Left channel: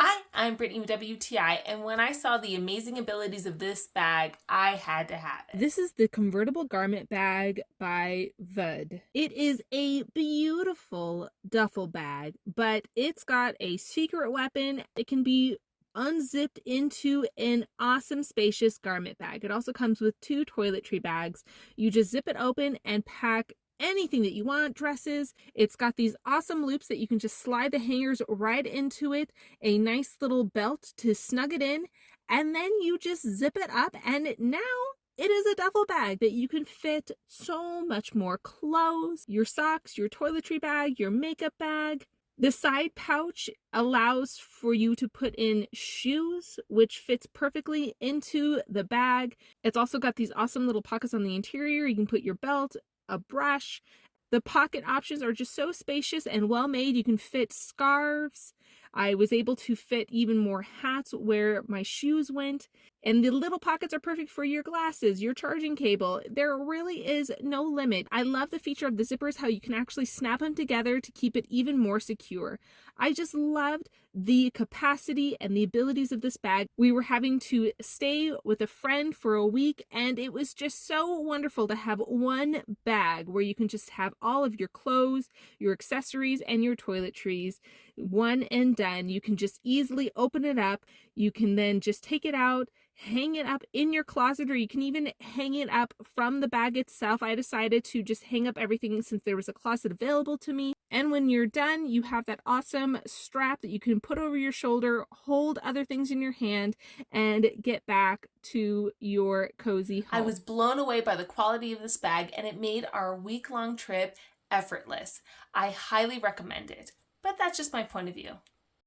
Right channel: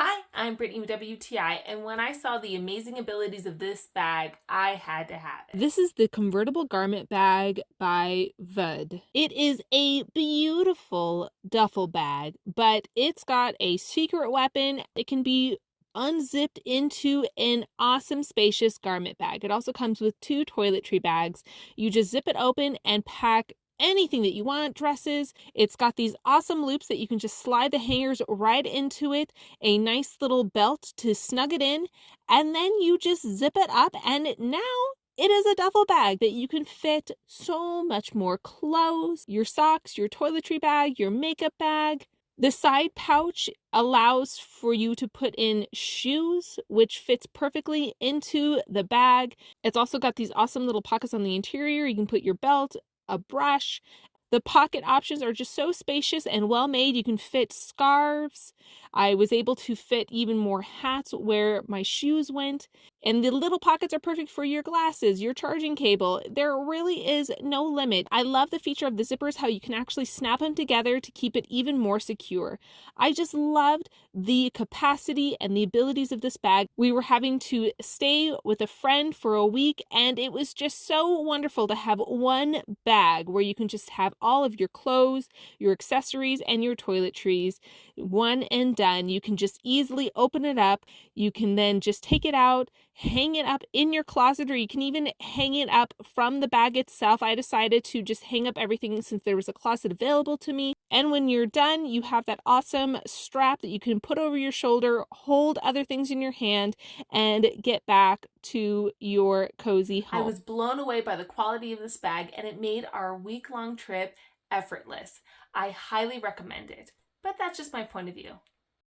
Hi, I'm Brittany with WTI, and when I saw the amazing abilities of this bag, I had to have it. This is the convertible garment bag by VUUDH. It is a beautiful duffel bag, but it's got a secret weapon. It can be unzipped into an awesome spacious garment bag. It also comes with 2 toiletry bags. You just zip it open and pack anything that you want, dresses. It's got these awesome loops that you can just slide the hangers right into it, a nice little belt to snug it in, and then you just zip it up, and now it is a duffel bag that you can fit so much more clothes, your socks, your toiletry bag, your makeup bag. The side pouch allows for you to put in shoes, which fits perfectly into the bag. It's also got these awesome little pockets on the interior. You can put your belt, a brush. The pocket options are just so spacious and well made. You can fit scarves. I was able to fit even more hats where my shoes went. And the little pockets are perfect for your glasses, your charging cable. There really is no limit. I love the feature of the zippers, how you can actually snap them together to keep it even more secure. I just loved the capacity and the abilities of this bag. We were having to stay with a friend for a week, and it was just so wonderful to have one bag where you can just have all of your clothes, your accessories, and your toiletries. One and done. You can just easily open it up. You can then just take it out, hang it up in your closet, or you can even hang it up from the bag itself. I decided to just hang up everything since there was a closet available to me. And when you're done, you have that awesome strap that you can put over your shoulder, hold other things in your hand, and get back to your cozy I home. was blown away by the quality of this bag, and it made our week-long trip effortless. I highly recommend it, but that's just my point of view.